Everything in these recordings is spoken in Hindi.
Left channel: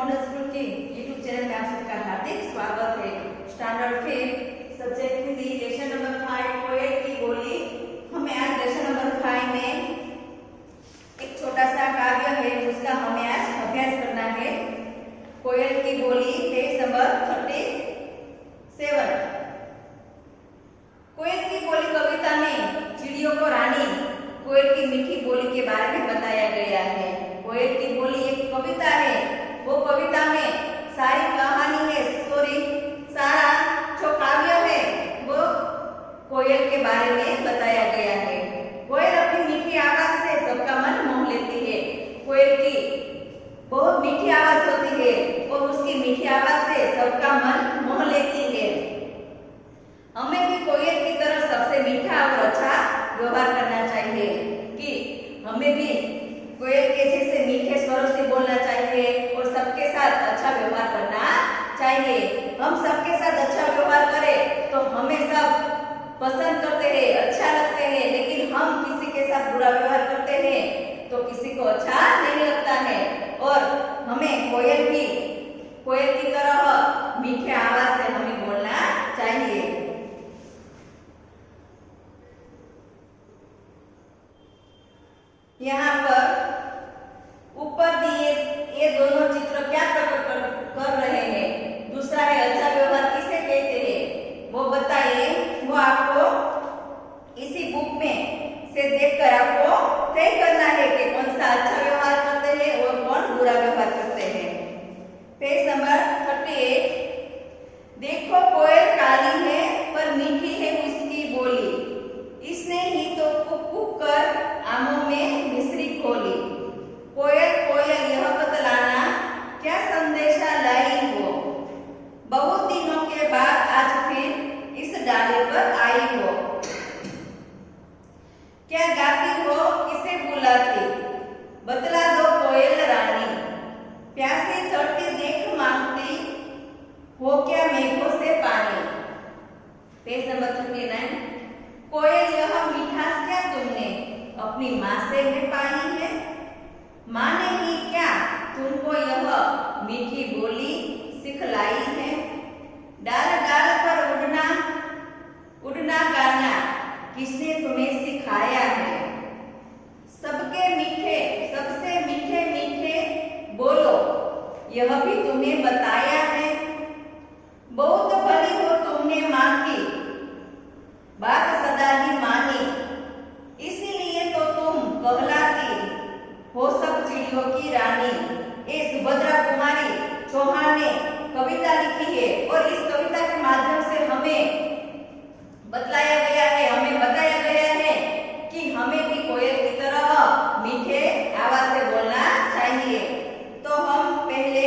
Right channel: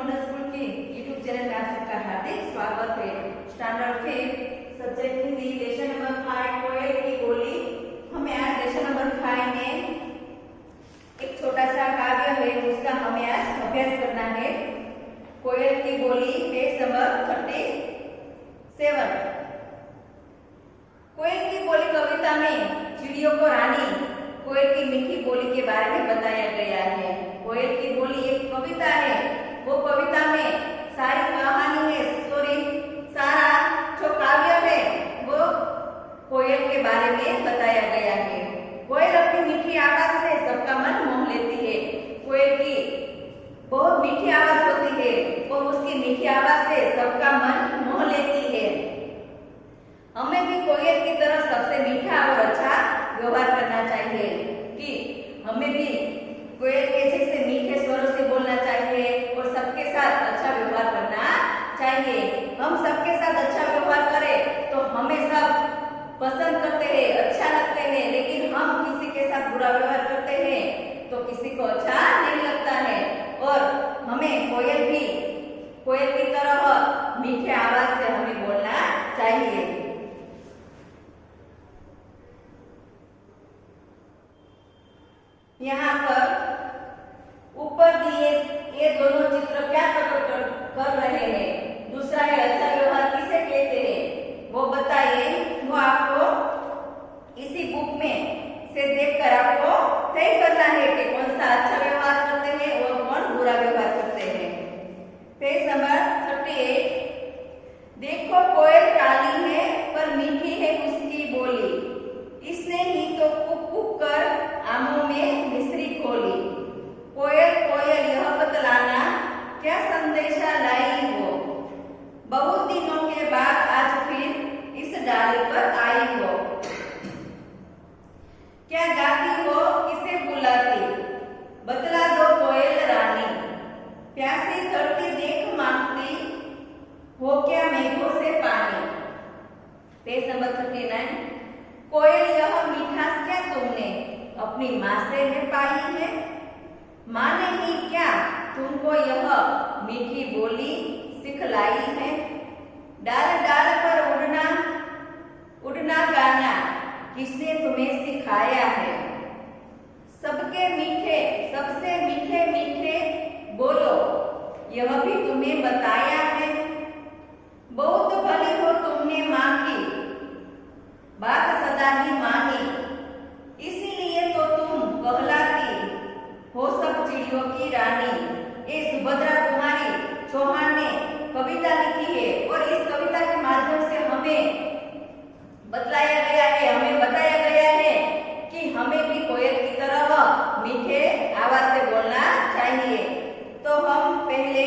मॉडल स्कूल के यूट्यूब चैनल में आप सबका हार्दिक स्वागत है। Standard 5 subject Hindi lesson number 5 कोयल की बोली। हमें आज लेसन नंबर 5 में एक छोटा सा काव्य है, उसका हमें आज अभ्यास करना है। कोयल की बोली पेज नंबर 37। कोयल की बोली कविता में चिड़ियों को रानी कोयल की मीठी बोली के बारे में बताया गया है। कोयल की बोली एक कविता है, वो कविता में सारी कहानी है, स्टोरी, सारा जो काव्य है वो कोयल के बारे में बताया गया है। कोयल अपनी मीठी आवाज से सबका मन मोह लेती है। कोयल की बहुत मीठी आवाज होती है और उसकी मीठी आवाज से सबका मन मोह लेती है। हमें भी कोयल की तरह सबसे मीठा और अच्छा व्यवहार करना चाहिए कि हमें भी कोयल के जैसे मीठे स्वरों से बोलना चाहिए और सबके साथ अच्छा व्यवहार करना चाहिए। हम सबके साथ अच्छा व्यवहार करें तो हमें सब पसंद करते हैं, अच्छा लगते हैं, लेकिन हम किसी के साथ बुरा व्यवहार करते हैं तो किसी को अच्छा नहीं लगता है। और हमें कोयल की तरह मीठे आवाज से हमें बोलना चाहिए। यहाँ पर ऊपर दिए ये दोनों चित्र क्या प्रकट कर रहे हैं? दूसरा है अच्छा व्यवहार किसे कहते हैं, वो बताइए। वो आपको इसी बुक में से देखकर आपको तय करना है कि कौन सा अच्छा व्यवहार करते हैं और कौन बुरा व्यवहार करते हैं। Page number 38। देखो कोयल काली है पर मीठी है उसकी बोली, इसने ही तो कुक कुक कर आमों में मिश्री खोली। कोयल कोयल यह बतलाना क्या संदेशा लाई हो, बहुत दिनों के बाद आज फिर इस डाले पर आई हो। क्या गाती हो किसे बुलाती, बतला दो कोयल रानी, प्यासी धरती देख मांगती हो क्या मेघों से पानी। Page number 39। कोयल यह मिठास क्या तुमने अपनी माँ से है पाई है, माँ ने ही क्या तुमको यह मीठी बोली सिखलाई है। डाल डाल पर उड़ना गाना किसने तुम्हें सिखाया है, सबसे मीठे मीठे बोलो यह भी तुम्हें बताया है। बहुत भली हो तुमने माँ की बात सदा ही मानी, इसीलिए तो तुम कहलाती हो सब चिड़ियों की रानी। ये सुभद्रा कुमारी चौहान ने कविता लिखी है और इस कविता के माध्यम से हमें बताया गया है कि हमें भी कोयल की तरह मीठे आवाज से बोलना चाहिए। तो हम पहले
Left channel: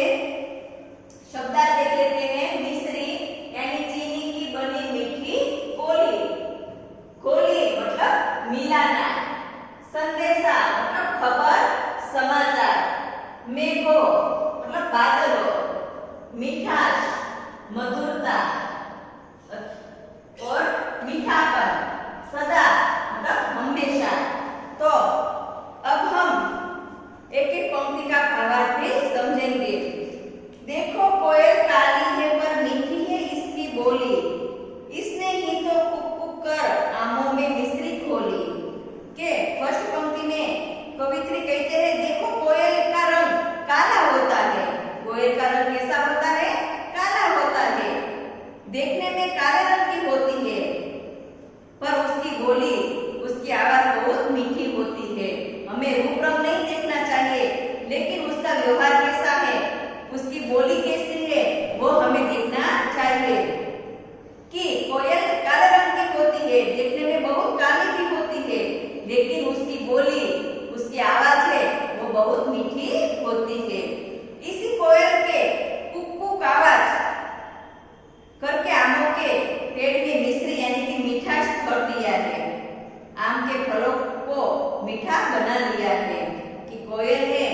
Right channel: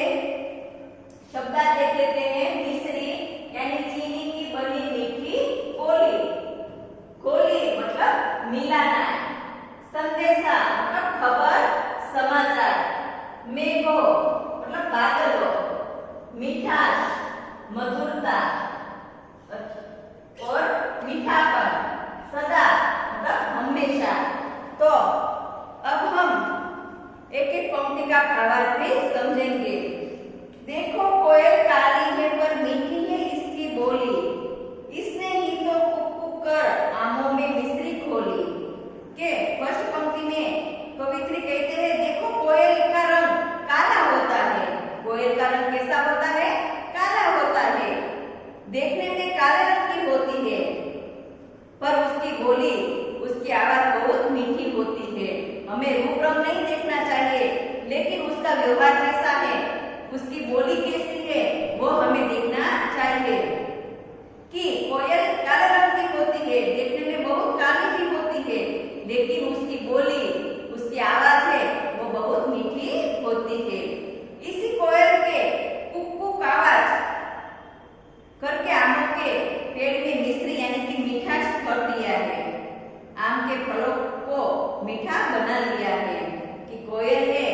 शब्द देख लेते हैं। मिश्री यानी चीनी की बनी मीठी बोली, खोली मतलब मिलाना, संदेशा मतलब खबर समाचार, मेघो मतलब बादलों, मिठास मधुरता और मीठापन, सदा मतलब हमेशा। तो अब हम एक एक पंक्ति का भावार्थ भी समझेंगे। देखो कोयल काली है पर मीठी है इसकी बोली, इसने ही तो कुक कुक कर आमों में मिश्री खोली। के फर्स्ट पंक्ति में कवित्री कहते हैं देखो कोयल का रंग काला होता है। कोयल का रंग कैसा होता है? काला होता है। देखने में काले रंग की होती है पर उसकी बोली, उसकी आवाज बहुत मीठी होती है। हमें रूप रंग नहीं देखना चाहिए, लेकिन उसका व्यवहार कैसा है, उसकी बोली कैसी है वो हमें देखना चाहिए। कि कोयल काले रंग की होती है, देखने में बहुत काली भी होती है, लेकिन उसकी बोली, उसकी आवाज है वो बहुत मीठी होती है। इसी कोयल के कुक कुक आवाज करके आमों के पेड़ में मिश्री यानी कि मीठास भर दिया है, आम के फलों को मीठा बना लिया है। कि कोयल है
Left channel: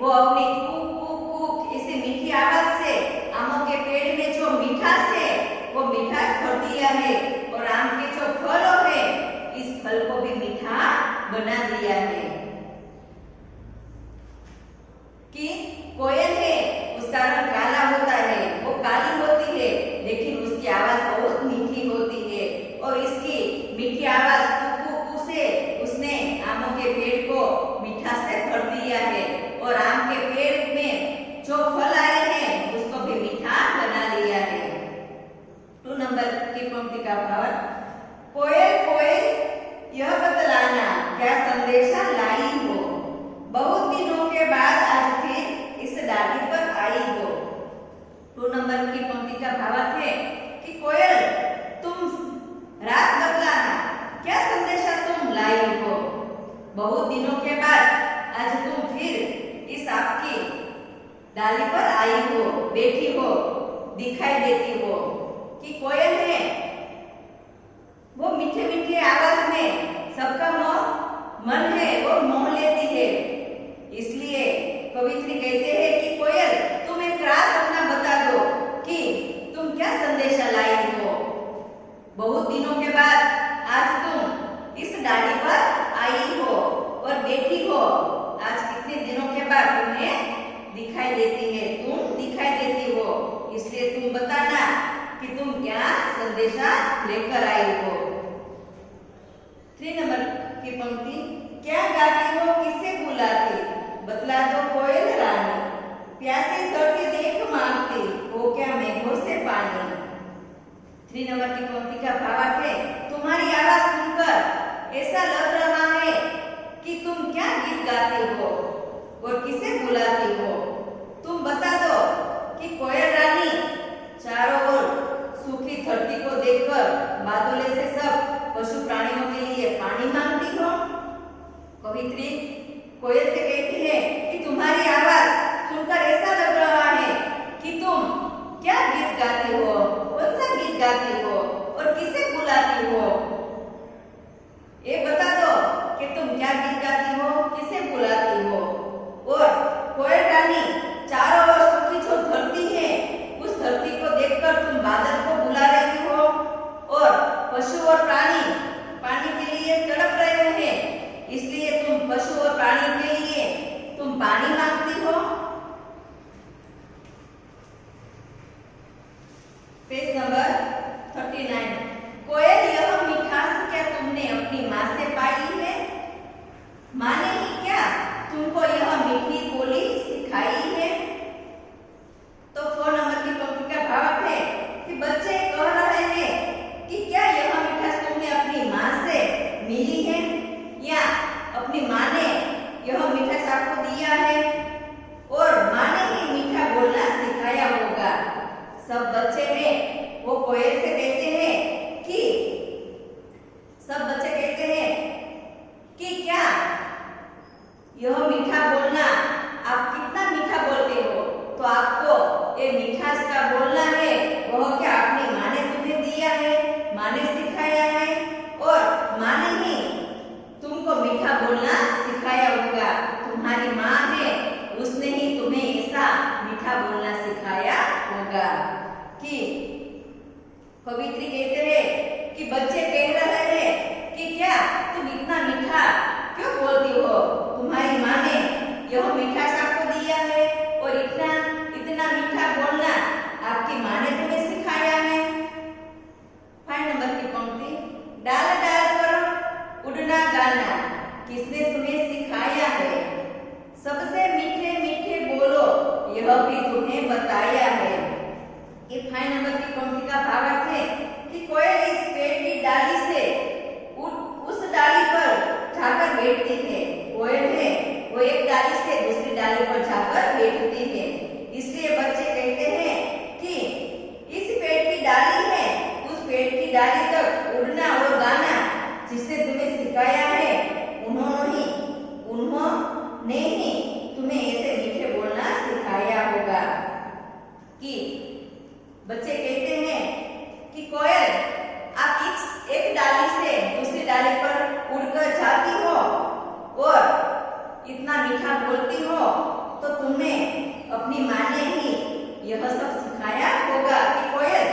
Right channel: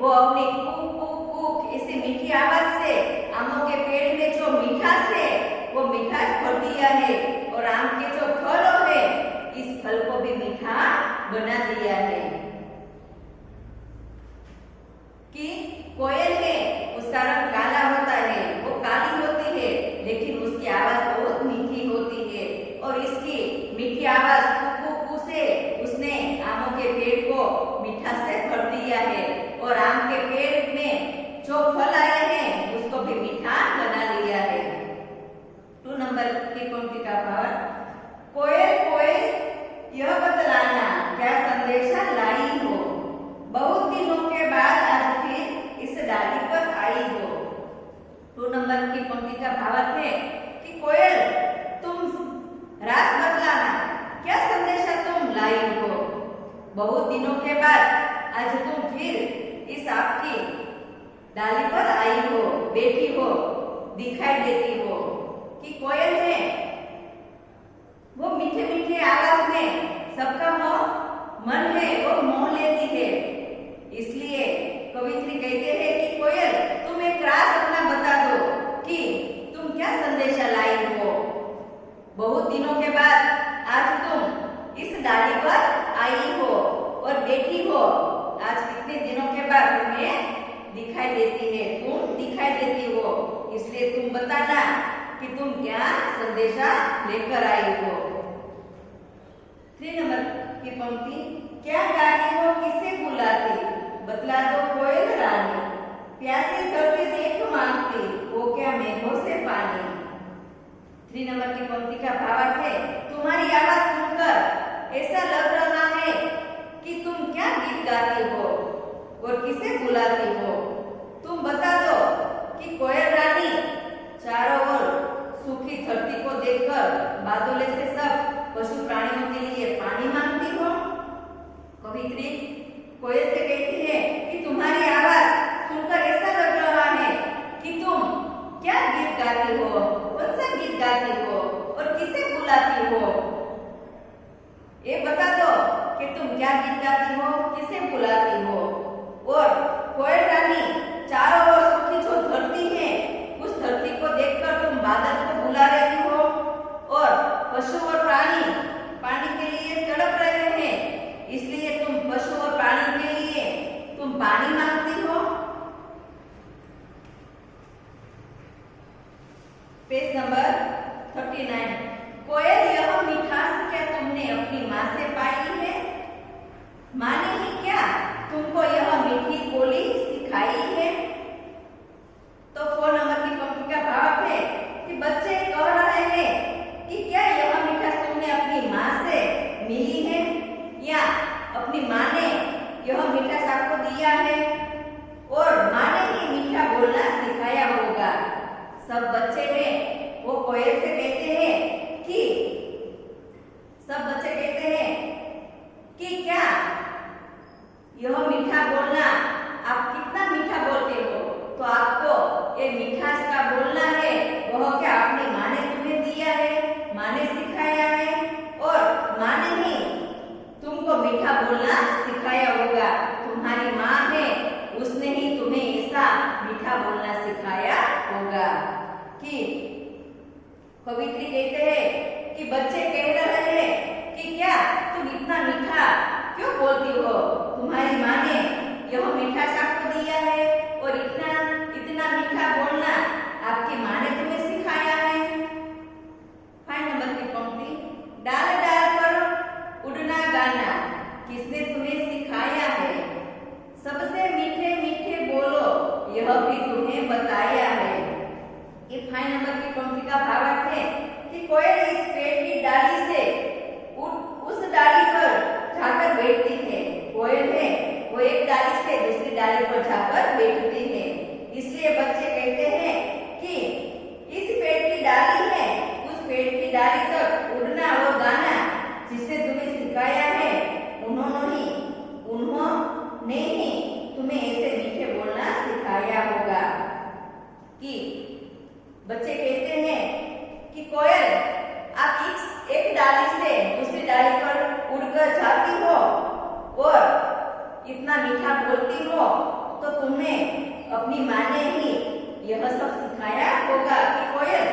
वो अपनी कुक कुक कुक इसी मीठी आवाज से आमों के पेड़ में जो मिठास है वो मिठास भर दिया है और आम के जो फल है इस फल को भी मीठा बना दिया है। कि कोयल है उसका रंग काला होता है, वो काली होती है, लेकिन उसकी आवाज बहुत मीठी होती है और इसकी मीठी आवाज कू कू कू से उसने आमों के पेड़ को मिठास से भर दिया है और आम के पेड़ में जो फल आए हैं उसको भी मीठा बना दिया है। 2 नंबर की पंक्ति का भाव, कोयल कोयल यह बतलाना क्या संदेशा लाई हो, बहुत दिनों के बाद आज फिर इस डाली पर आई हो। 2 नंबर की पंक्ति का भावार्थ है कि कोयल तुम रास बतलाना क्या संदेशा तुम लाई हो, बहुत दिनों के बाद आज तुम फिर इस आपकी डाली पर आई हो, बैठी हो, दिखाई देती हो। कि कोयल है वो मीठे मीठे आवाज में सबका मन है वो मोह लेती है, इसलिए कवित्री कहते हैं कि कोयल तुम एक राज अपना बता दो कि तुम क्या संदेशा लाई हो, बहुत दिनों के बाद आज तुम इस डाली पर आई हो और बैठी हो, आज कितने दिनों के बाद तुम्हें दिखाई देती है, तुम दिखाई देती हो, इसलिए तुम बताना कि तुम क्या संदेशा लेकर आई हो। 3 नंबर की पंक्ति, क्या गाती हो किसे बुलाती, बतला दो कोयल रानी, प्यासी धरती देख मांगती हो क्या मेघों से पानी। 3 नंबर की पंक्ति का भावार्थ है, तुम्हारी आवाज सुनकर ऐसा लग रहा है कि तुम क्या गीत गाती हो और किसे बुलाती हो, तुम बता दो कि कोयल रानी चारों ओर सूखी धरती को देखकर बादलों से सब पशु प्राणियों के लिए पानी मांगती हो। कवित्री कोयल से कहती है कि तुम्हारी आवाज सुनकर ऐसा लग रहा है कि तुम क्या गीत गाती हो, कौन सा गीत गाती हो और किसे बुलाती हो, ये बता दो कि तुम क्या गीत गाती हो, किसे बुलाती हो। और कोयल रानी चारों ओर सूखी जो धरती है उस धरती को देखकर तुम बादल को बुला रही हो और पशु और प्राणी पानी के लिए तड़प रहे हैं, इसलिए तुम पशु और प्राणी के लिए तुम पानी मांगती हो। पेज नंबर 39, कोयल यह मिठास क्या तुमने अपनी माँ से पाई है, माँ ने ही क्या तुमको यह मीठी बोली सिखाई है। तो 4 नंबर की पंक्ति का भाव है कि बच्चे कह रहे हैं कि क्या यह मिठास तुमने अपनी माँ से मिली है या अपनी माँ ने यह मिठास आपको दिया है और माँ ने ही मीठा बोलना सिखाया होगा। सब बच्चे हैं वो कोयल से कहते हैं कि सब बच्चे कहते हैं कि क्या यह मीठा बोलना आप कितना मीठा बोलते हो, तो आपको ये मिठास का बोलना है वह क्या अपनी माँ ने तुम्हें दिया है, माँ ने सिखाया है और माँ ने ही तुमको मीठा बोलना सिखाया होगा। तुम्हारी माँ है उसने ही तुम्हें ऐसा मीठा बोलना सिखाया होगा। कि कवित्री कहते हैं कि बच्चे कह रहे हैं कि क्या तुम इतना मीठा क्यों बोलती हो, तुम्हारी माँ ने यह मिठास आपको दिया है और इतना मीठा बोलना आपकी माँ ने तुम्हें सिखाया है। 5 नंबर की पंक्ति, डाल डाल पर उड़ना गाना किसने तुम्हें सिखाया है, सबसे मीठे मीठे बोलो यह भी तुम्हें बताया है। ये 5 नंबर की पंक्ति का भावार्थ है कि कोयल इस पेड़ की डाली से उस डाली पर जाकर बैठती है, कोयल है वो एक डाली से दूसरी डाली पर जाकर बैठती है, इसलिए बच्चे कहते हैं कि इस पेड़ की डाली है उस पेड़ की डाली तक उड़ना और गाना जिसने तुम्हें सिखाया है उन्होंने ही तुम्हें ऐसे मीठे बोलना सिखाया होगा। कि बच्चे कहते हैं कि कोयल आप एक डाली से दूसरी डाली पर उड़कर जाती हो और इतना मीठा बोलती हो, तो तुम्हें अपनी माँ ने ही यह सब सिखाया होगा। कि कोयल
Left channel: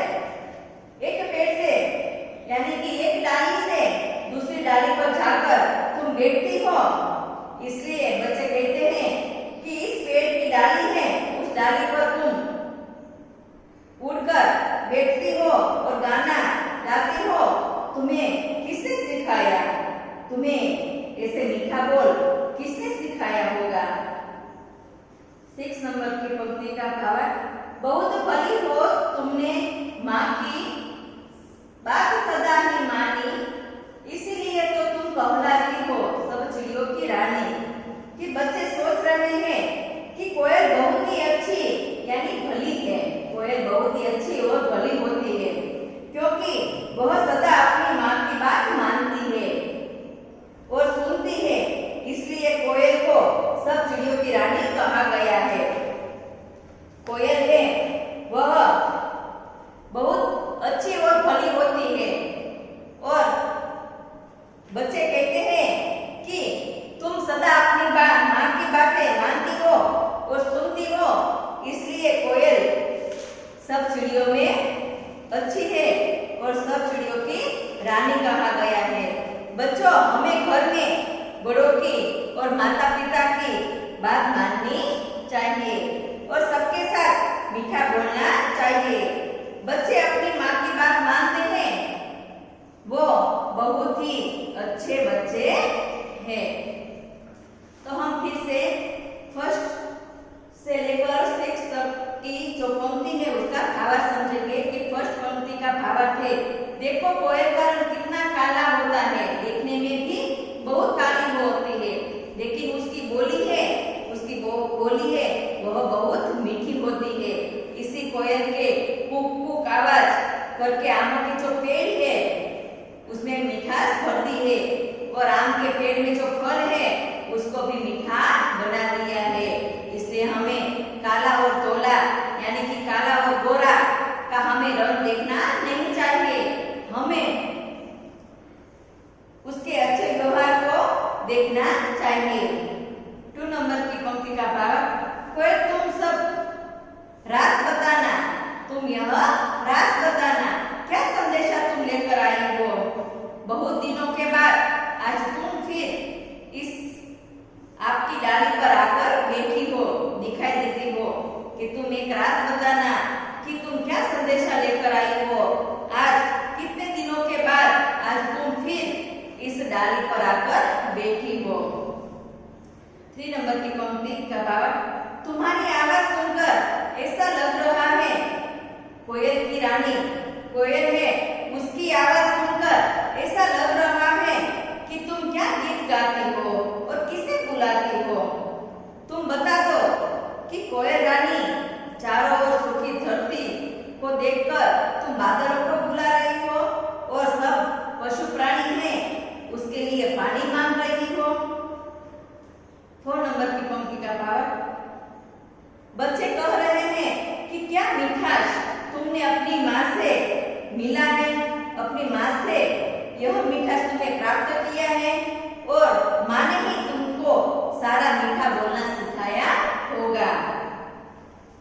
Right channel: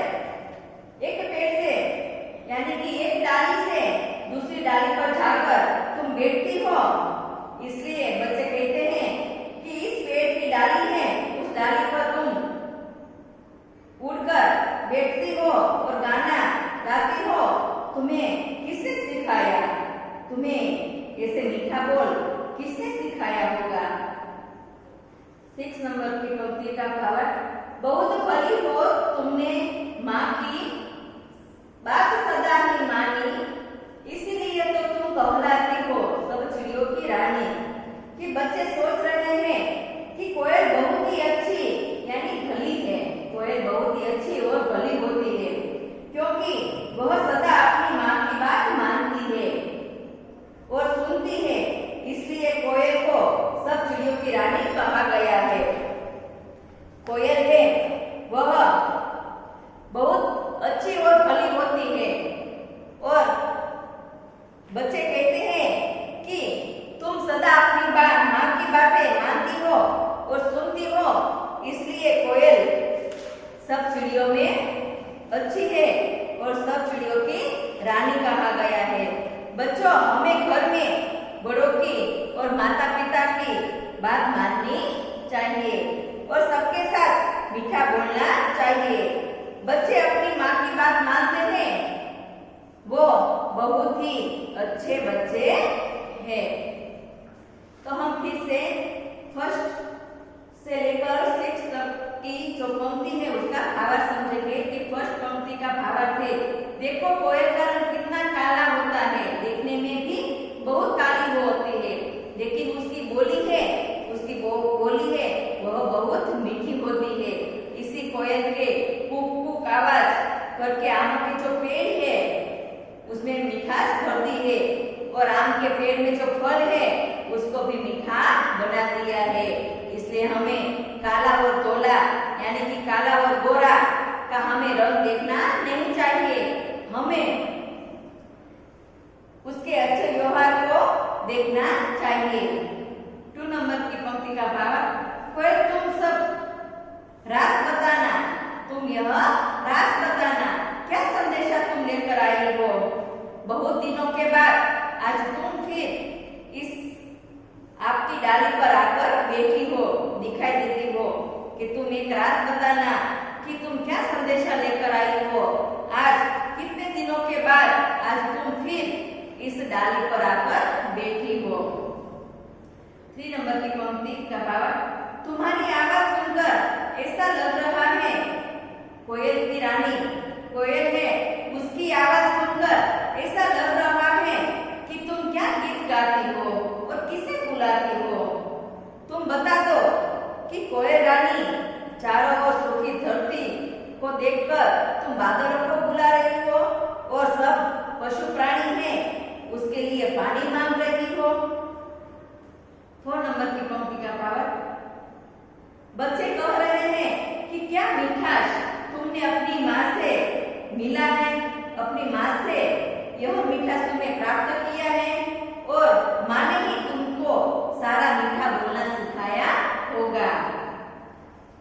एक पेड़ से यानी कि एक डाली से दूसरी डाली पर जाकर तुम बैठती हो, इसलिए बच्चे कहते हैं कि इस पेड़ की डाली है उस डाली पर तुम बैठती हो और गाना गाती हो, तुम्हें किसने सिखाया? तुम्हें ऐसे मीठा बोल किसने सिखाया होगा? 6 नंबर की पंक्ति का भावार्थ, बहुत भली हो तुमने माँ की बात सदा ही मानी, इसीलिए तो तुम कहलाती हो सब चिड़ियों की रानी। कि बच्चे सोच रहे हैं कि कोयल बहुत ही अच्छी यानी भली है, कोयल बहुत ही अच्छी और भली होती है क्योंकि वह सदा अपनी माँ की बात मानती है और सुनती है, इसलिए कोयल को सब चिड़ियों की रानी कहा गया है। कोयल है वह बहुत अच्छी और भली होती है और बच्चे कहते हैं कि तुम सदा अपनी माँ की बातें मानती हो और सुनती हो, इसलिए कोयल सब चिड़ियों में अच्छी है और सब चिड़ियों की रानी कहा गया है। बच्चों, हमें घर में बड़ों की और माता पिता की बात माननी चाहिए और सबके साथ मीठा बोलना चाहिए। बच्चे अपनी माँ की बात मानते हैं, वो बहुत ही अच्छे बच्चे हैं। तो हम फिर से फर्स्ट से लेकर 6 तक की जो पंक्ति है उसका भावार्थ समझेंगे। कि फर्स्ट पंक्ति का भावार्थ है, देखो कोयल का रंग कितना काला होता है, देखने में भी बहुत काली होती है, लेकिन उसकी बोली है वह बहुत मीठी होती है। इसी कोयल के कुक कुक आवाज करके आमों के जो पेड़ है उसमें मिठास भरती है और आम के पेड़ में जो फल है उसको भी मीठा बना दिया है। इसलिए हमें काला और धोला यानी कि काला और गोरा का हमें रंग देखना नहीं चाहिए, हमें उसके अच्छे व्यवहार को देखना चाहिए। 2 नंबर की पंक्ति का भाव, कोयल तुम सब रास बताना, तुम यह रास बताना, क्या संदेशा तुम लेकर आई हो? बहुत दिनों के बाद आज तुम फिर इस आपकी डाली पर आकर बैठी हो, दिखाई देती हो कि तुम एक राज बताना कि तुम क्या संदेशा लेकर आई हो। आज कितने दिनों के बाद आज तुम फिर इस डाली पर आकर बैठी हो। 3 नंबर की पंक्ति का भावार्थ, तुम्हारी आवाज सुनकर ऐसा लग रहा है, कोयल की रानी कोयल है, उसकी आवाज सुनकर ऐसा लग रहा है कि तुम क्या गीत गाती हो और किसे बुलाती हो। तुम बता दो कि कोयल रानी चारों ओर सूखी धरती को देखकर तुम बादलों को बुला रही हो और सब पशु प्राणी हैं उसके लिए पानी मांग रही हो। 4 नंबर की पंक्ति का भावार्थ, बच्चे कह रहे हैं कि क्या मिठास तुमने अपनी माँ से मिला है, अपनी माँ से यह मिठास तुमने प्राप्त किया है और माँ ने ही तुमको सारा मीठा बोलना सिखाया होगा।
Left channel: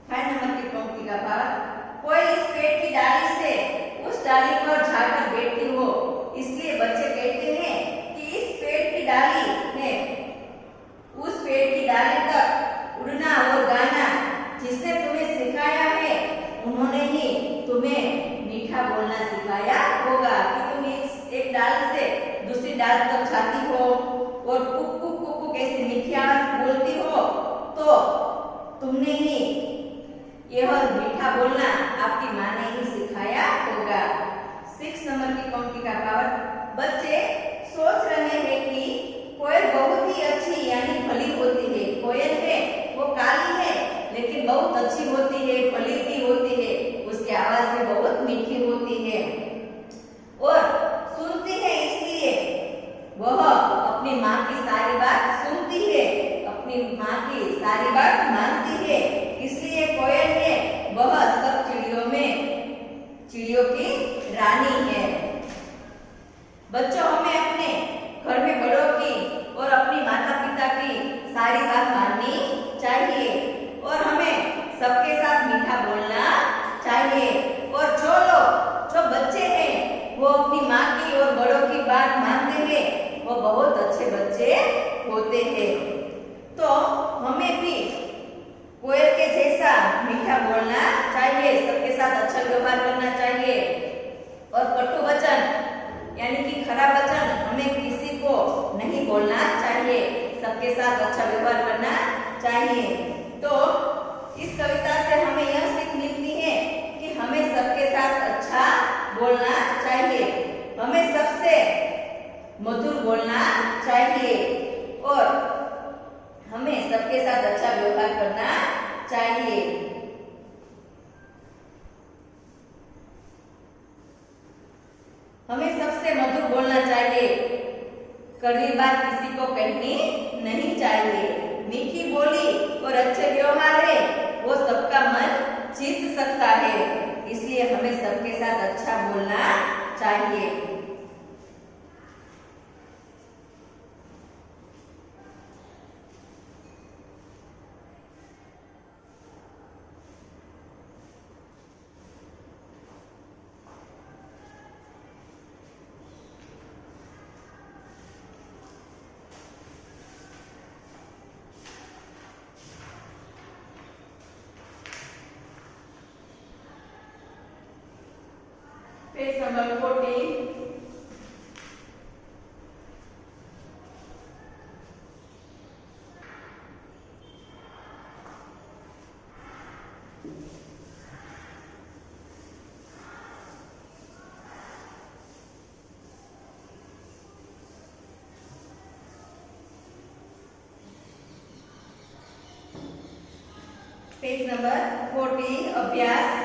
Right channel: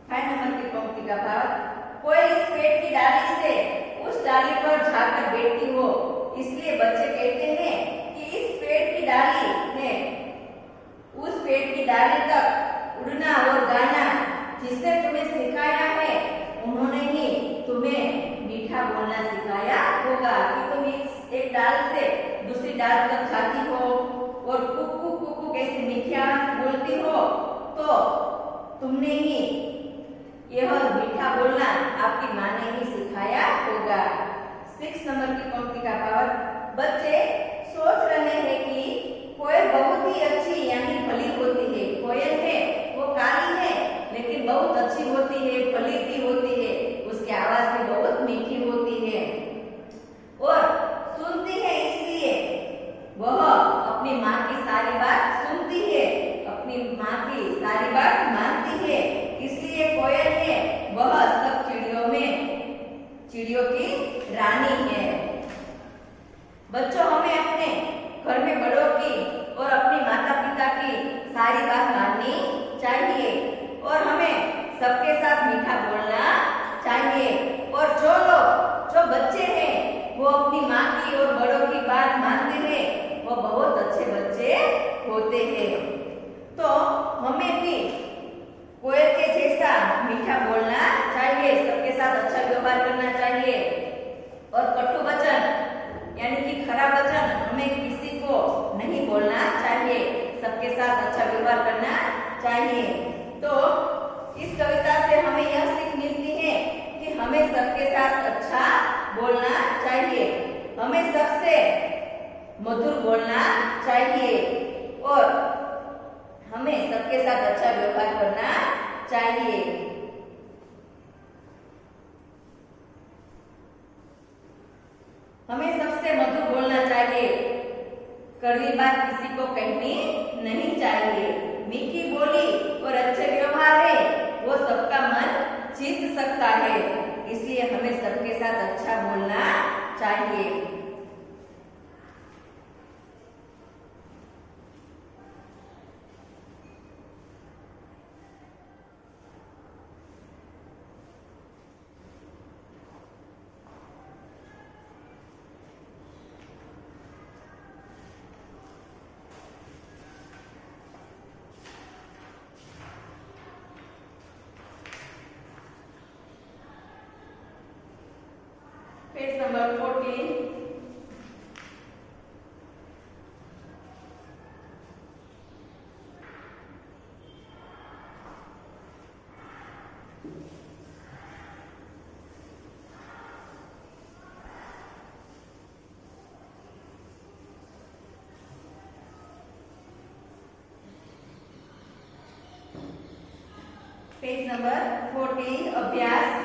5 नंबर की पंक्ति का भावार्थ, कोयल इस पेड़ की डाली से उस डाली पर जाकर बैठती हो, इसलिए बच्चे कहते हैं कि इस पेड़ की डाली है उस पेड़ की डाली तक उड़ना और गाना जिसने तुम्हें सिखाया है उन्होंने ही तुम्हें मीठा बोलना सिखाया होगा। कि तुम इस एक डाल से दूसरी डाल तक जाती हो और कुक कुक कुक कुक ऐसी मीठी आवाज बोलती हो तो तुमने ही यह मीठा बोलना आपकी माँ ने ही सिखाया होगा। 6 नंबर की पंक्ति का भावार्थ, बच्चे सोच रहे हैं कि कोयल बहुत ही अच्छी यानी भली होती है, कोयल है वो काली है लेकिन बहुत अच्छी होती है, भली भी होती है, उसकी आवाज भी बहुत मीठी होती है और सुनती है, इसलिए वह अपनी माँ की सारी बात सुनती है, अपनी माँ की सारी बात मानती है, इसलिए कोयल है वह सब चिड़ियों में चिड़ियों की रानी है। बच्चों, हमें अपने घर में बड़ों की और अपनी माता पिता की सारी बात माननी चाहिए और हमें सबके साथ मीठा बोलना चाहिए। और जो बच्चे हैं वो अपनी माँ की और बड़ों की बात मानते हैं वो बहुत अच्छे बच्चे होते हैं। तो हमें भी कोयल के जैसा मीठा मीठा बोलना चाहिए, सबके साथ अच्छा व्यवहार करना चाहिए। और कटु वचन यानी कि खराब वचन हमें किसी को नहीं बोलना चाहिए, सबके साथ अच्छा व्यवहार करना चाहिए। तो इस कविता से हमें यह सीख मिलती है कि हमें सबके साथ अच्छा बोलना चाहिए, हमें सबसे मधुर बोलना चाहिए और हमें सबके साथ अच्छा व्यवहार करना चाहिए। हमें सबसे मधुर बोलना चाहिए, कड़वी बात किसी को कहनी नहीं चाहिए। मीठी बोली और अच्छे व्यवहार है वो सबका मन जीत सकता है, इसलिए हमें सबके साथ अच्छा बोलना चाहिए। Page number 14. पेज नंबर 40 अभ्यास।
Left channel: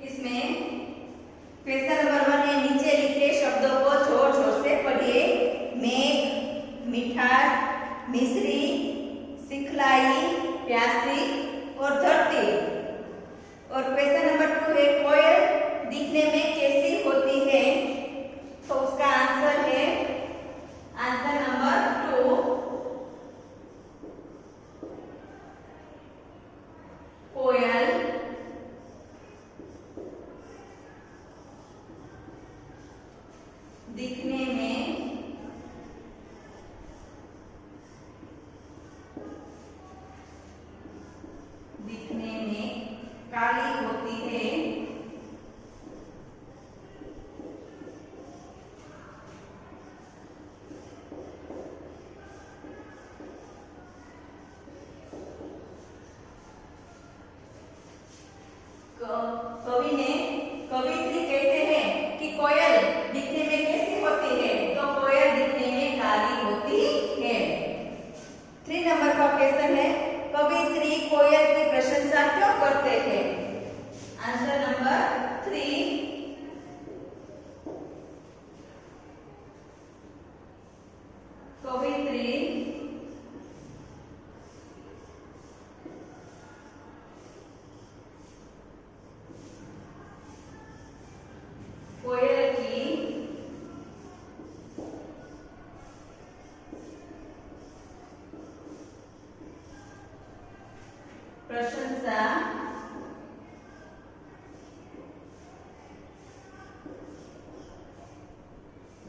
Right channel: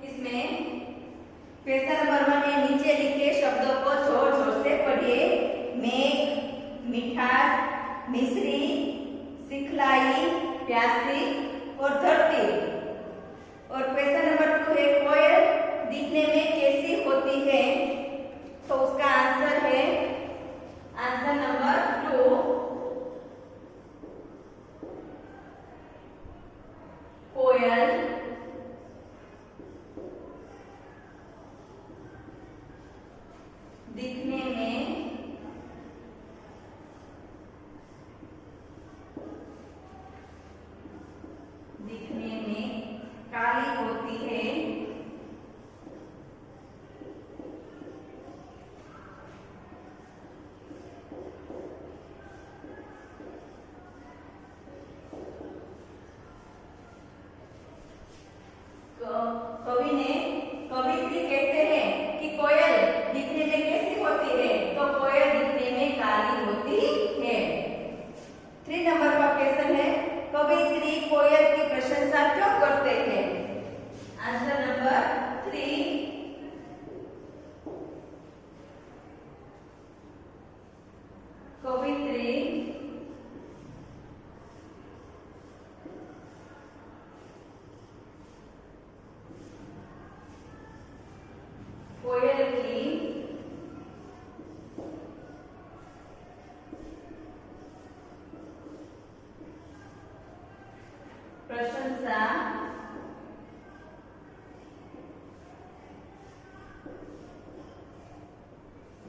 इसमें क्वेश्चन नंबर 1 है, नीचे लिखे शब्दों को जोर जोर से पढ़िए। मेघ, मिठास, मिश्री, सिखलाई, प्यासी और धरती। और क्वेश्चन नंबर 2 है, कोयल दिखने में कैसी होती है? तो उसका आंसर है आंसर नंबर 2, कोयल दिखने में काली होती है। कवित्री कहते हैं कि कोयल दिखने में कैसी होती है? तो कोयल दिखने में काली होती है। 3 नंबर का क्वेश्चन है, कवित्री कोयल की प्रशंसा क्यों करते हैं? आंसर नंबर 3, कवित्री कोयल की प्रशंसा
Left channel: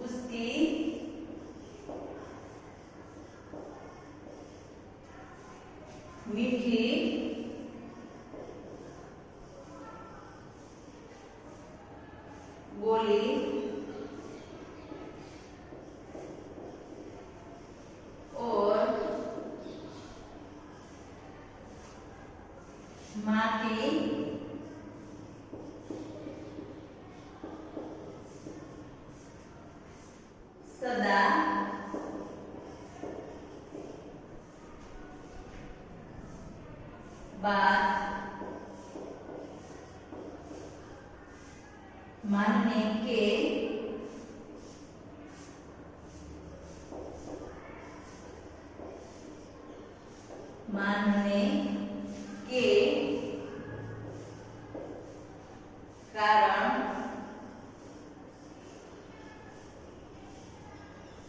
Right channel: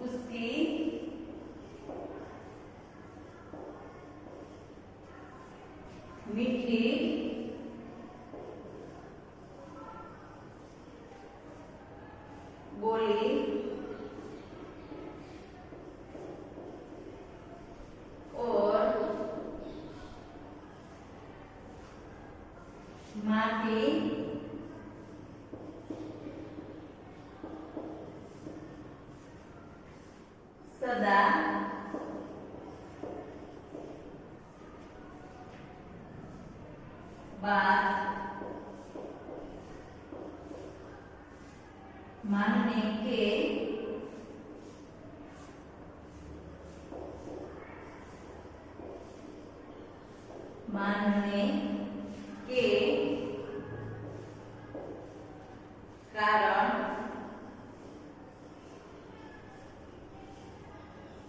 उसकी मीठी बोली और माँ की सदा बात मानने के कारण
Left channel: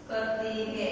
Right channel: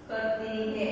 करती है।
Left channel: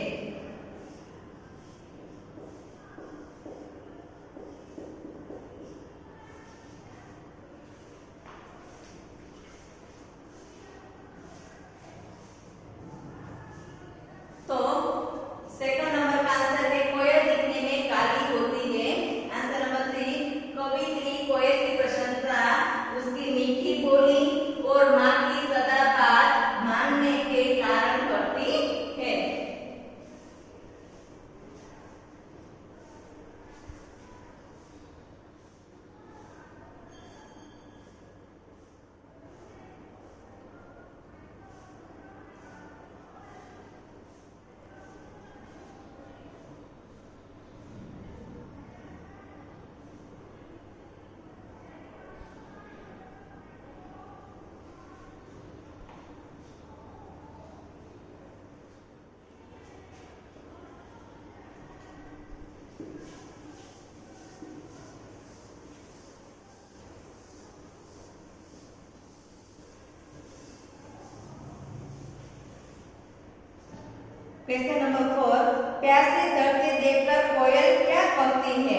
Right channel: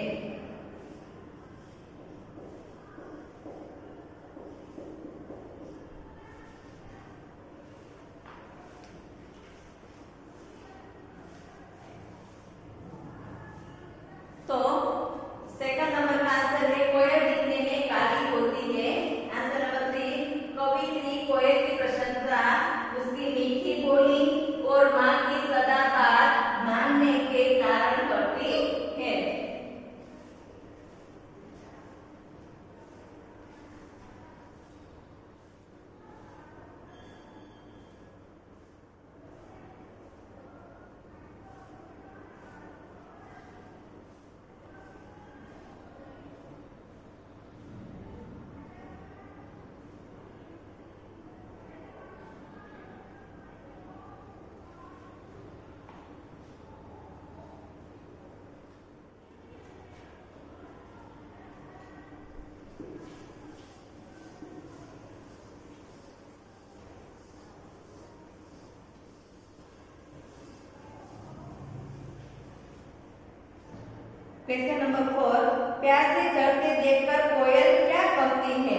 क्वेश्चन नंबर 4, प्यासी धरती देखकर कोयल क्या कहती है?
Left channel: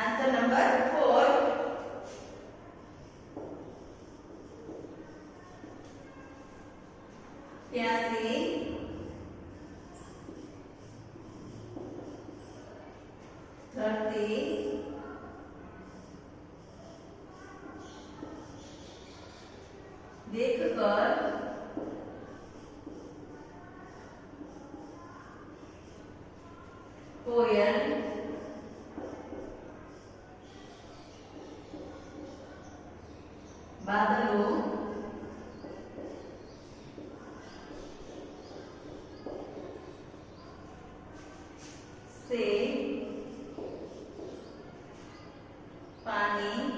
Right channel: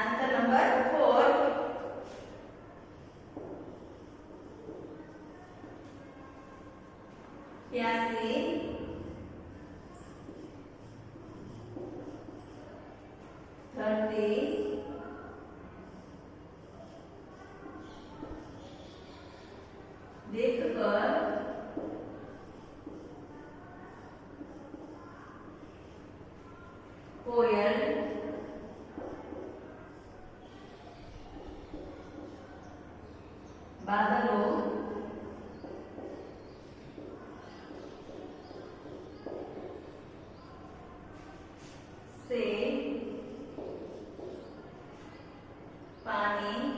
आंसर नंबर 4, प्यासी धरती देखकर कोयल बादलों से पानी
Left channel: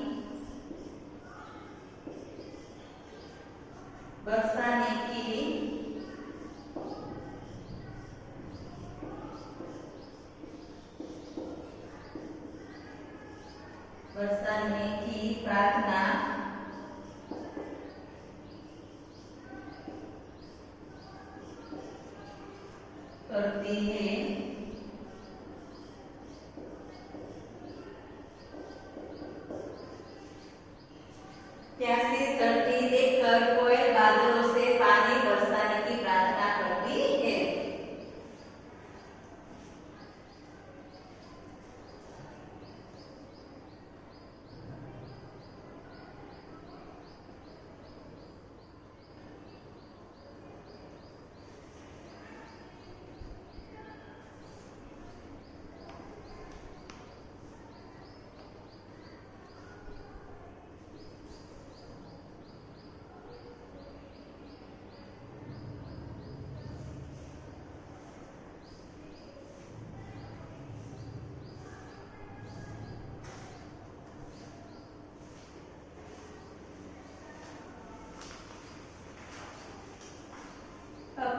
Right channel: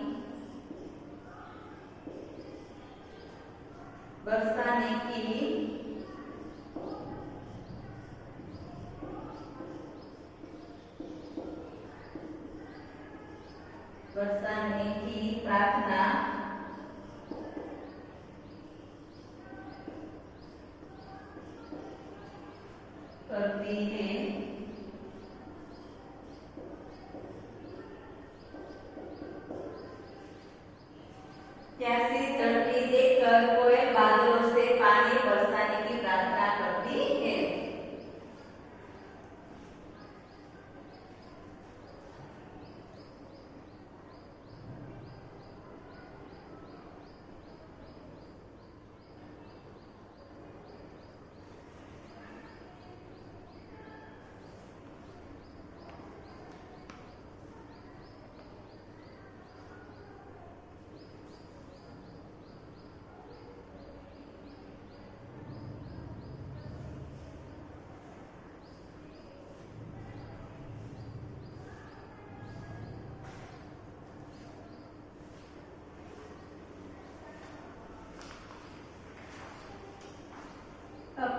बरसाने की प्रार्थना करती है। प्यासी धरती देखकर कोयल बादलों से पानी बरसाने की प्रार्थना करती है।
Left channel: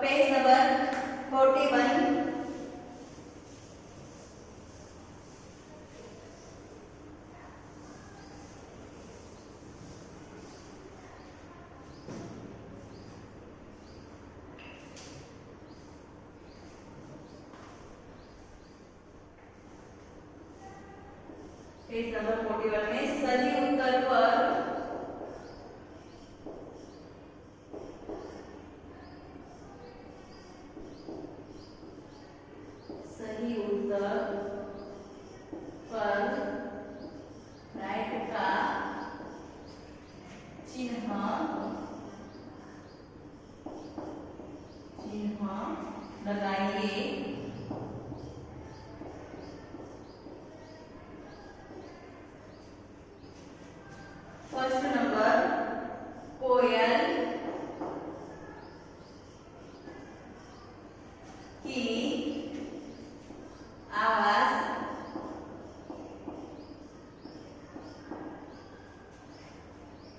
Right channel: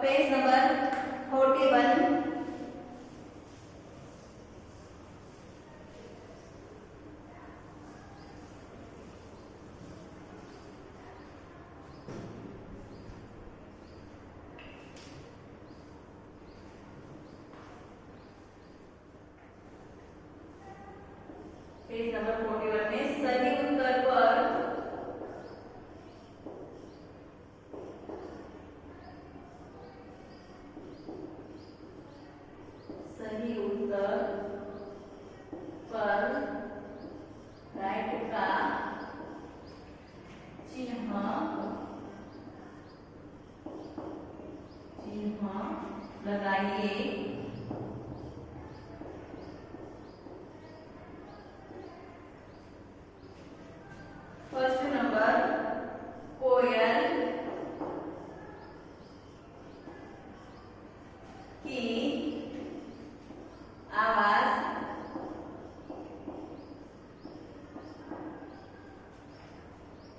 पेज नंबर 41, पेज नंबर 41 में सही उत्तर पर राइट का चिन्ह लगाइए। फर्स्ट नंबर, कोयल की आवाज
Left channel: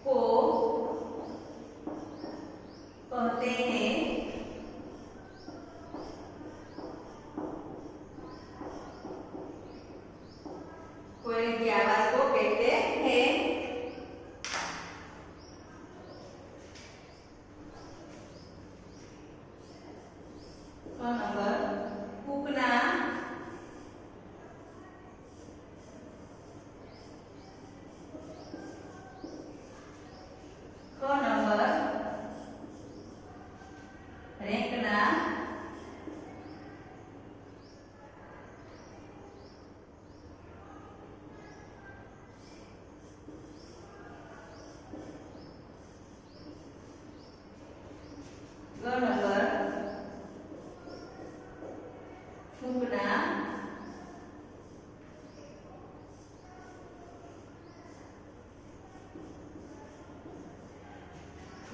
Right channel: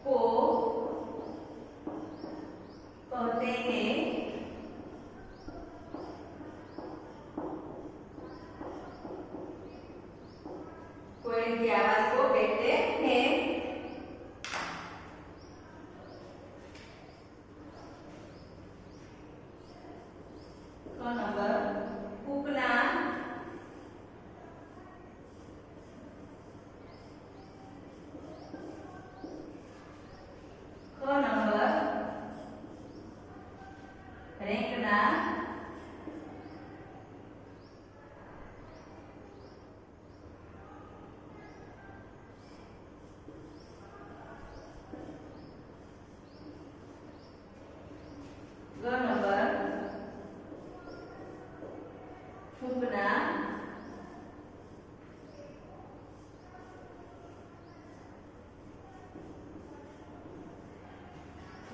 को कहते हैं कोयल की आवाज को कहते हैं। नंबर, कूकना नंबर, रेंकना नंबर, फूकना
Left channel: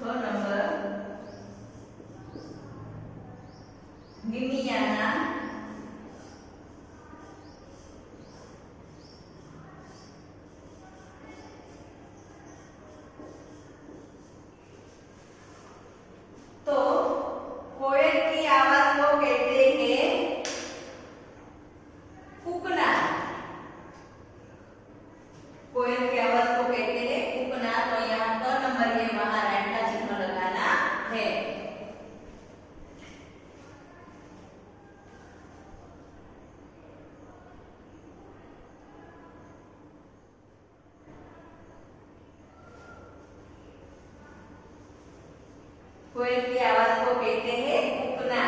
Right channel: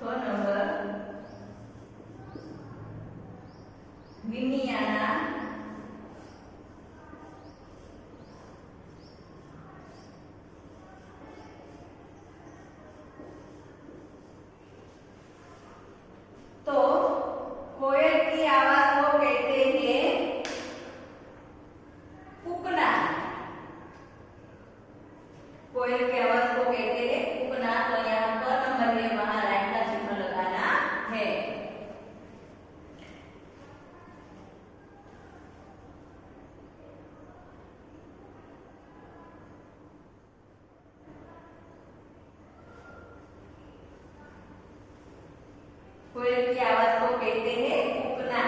नंबर, मिमियाना तो कोयल की आवाज को कहते हैं कूकना। कोयल की आवाज को कहते हैं कूकना। तो यहाँ पर नंबर है, वहां राइट का चिन्ह लगाना है। कोयल की आवाज को कहते हैं कूकना।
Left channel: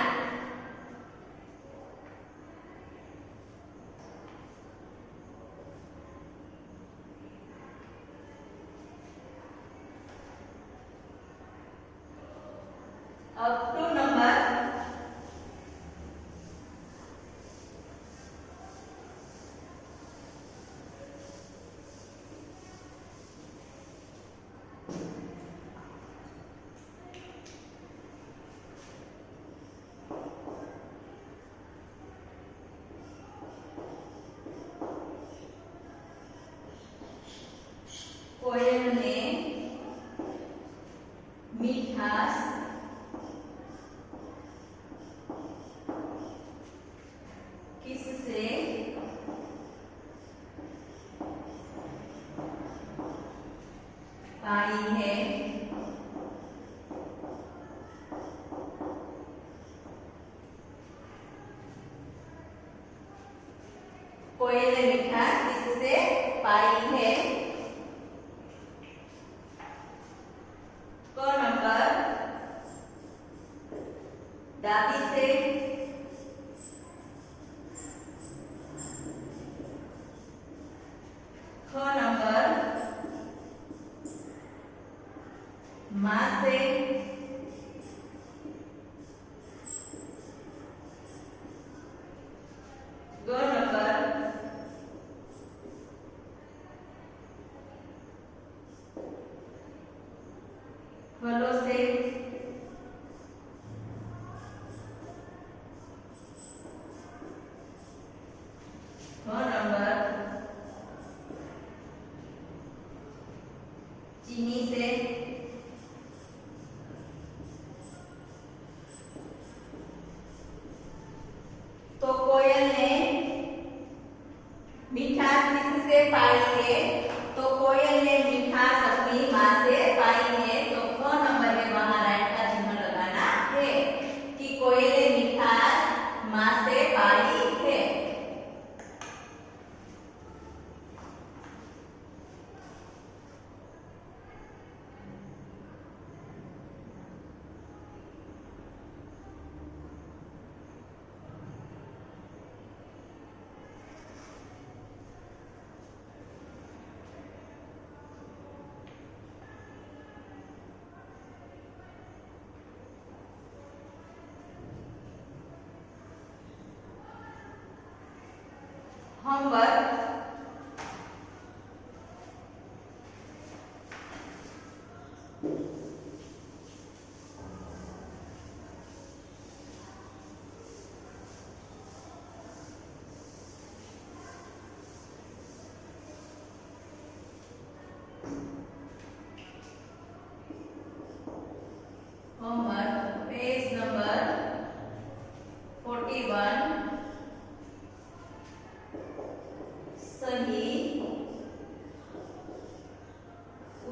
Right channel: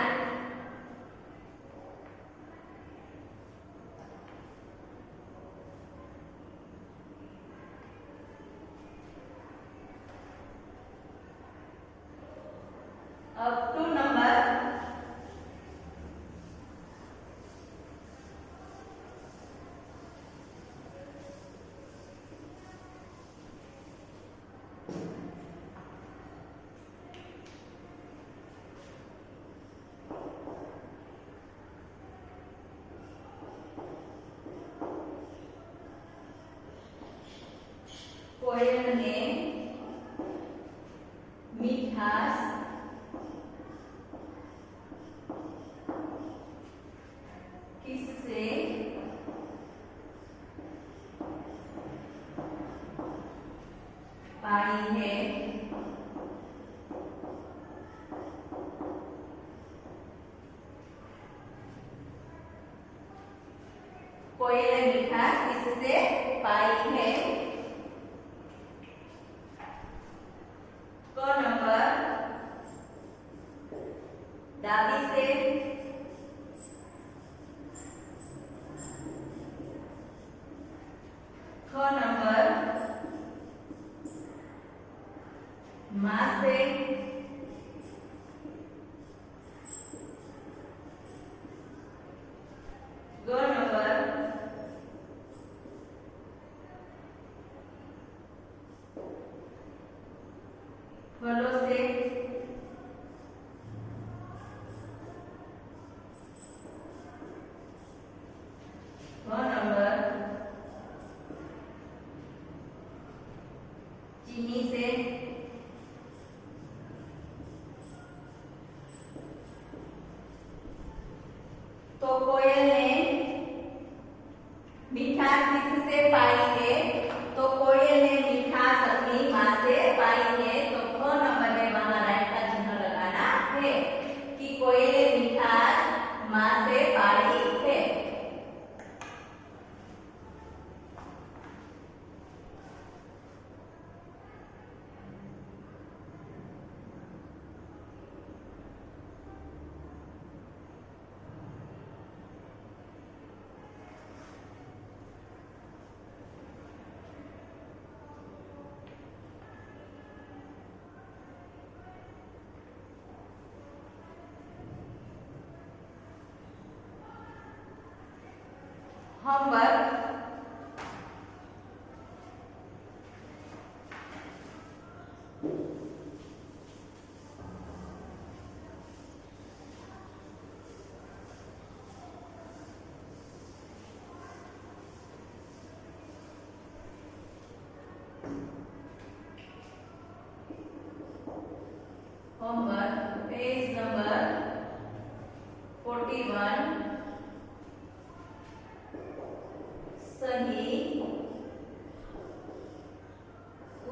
अब 2 नंबर, कोयल ने मीठास किससे पाई है? कोयल ने मिठास किससे पाई है? क नंबर, दादी से। ख नंबर, माँ से। ग नंबर, फलों से। ग नंबर, चीनी से। तो कोयल ने मिठास किससे पाई है? तो कोयल ने मिठास अपनी माँ से पाई है। तो ख नंबर में वहां राइट का चिन्ह लगाना है कि कोयल ने मिठास माँ से पाई है। होमवर्क, होमवर्क पेज नंबर 41, सही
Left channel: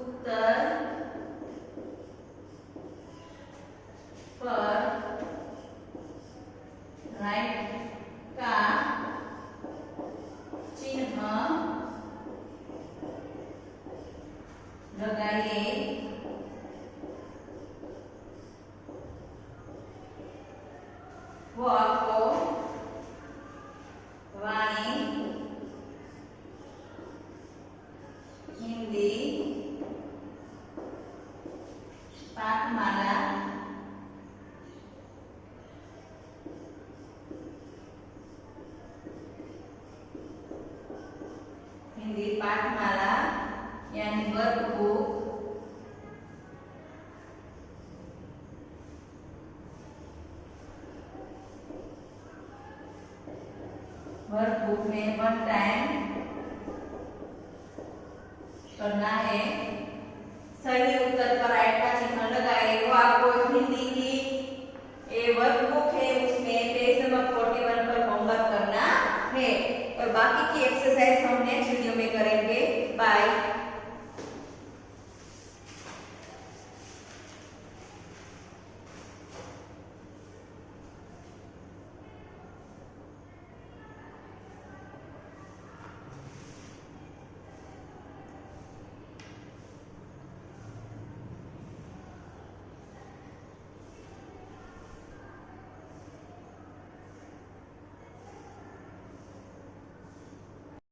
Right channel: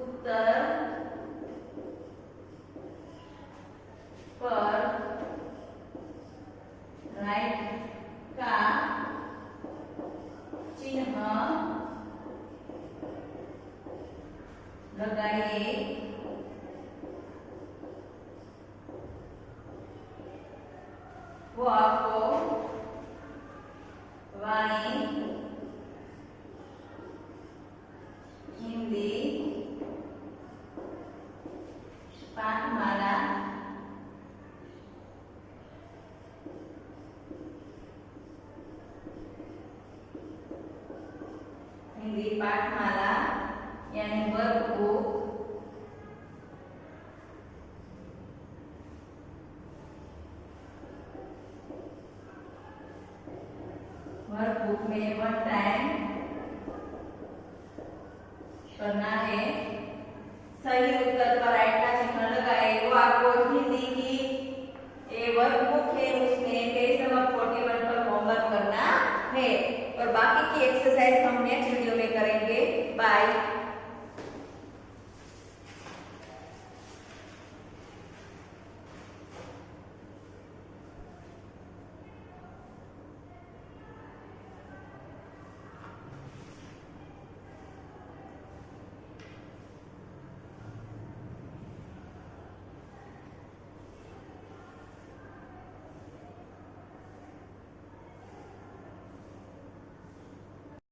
उत्तर पर राइट का चिन्ह लगाइए। वो आपको वाणी, हिंदी पाठमाला, हिंदी पाठमाला यानी वर्कबुक, वर्कबुक में 1 टाइम करना है। सही उत्तर पर राइट का चिन्ह लगाए। वो आपको हिंदी की ये वर्कबुक है, उसमें पेज नंबर 41 पर होमवर्क करना है और बाकी की एक्सरसाइज हम नेक्स्ट वीडियो में करेंगे। बाय।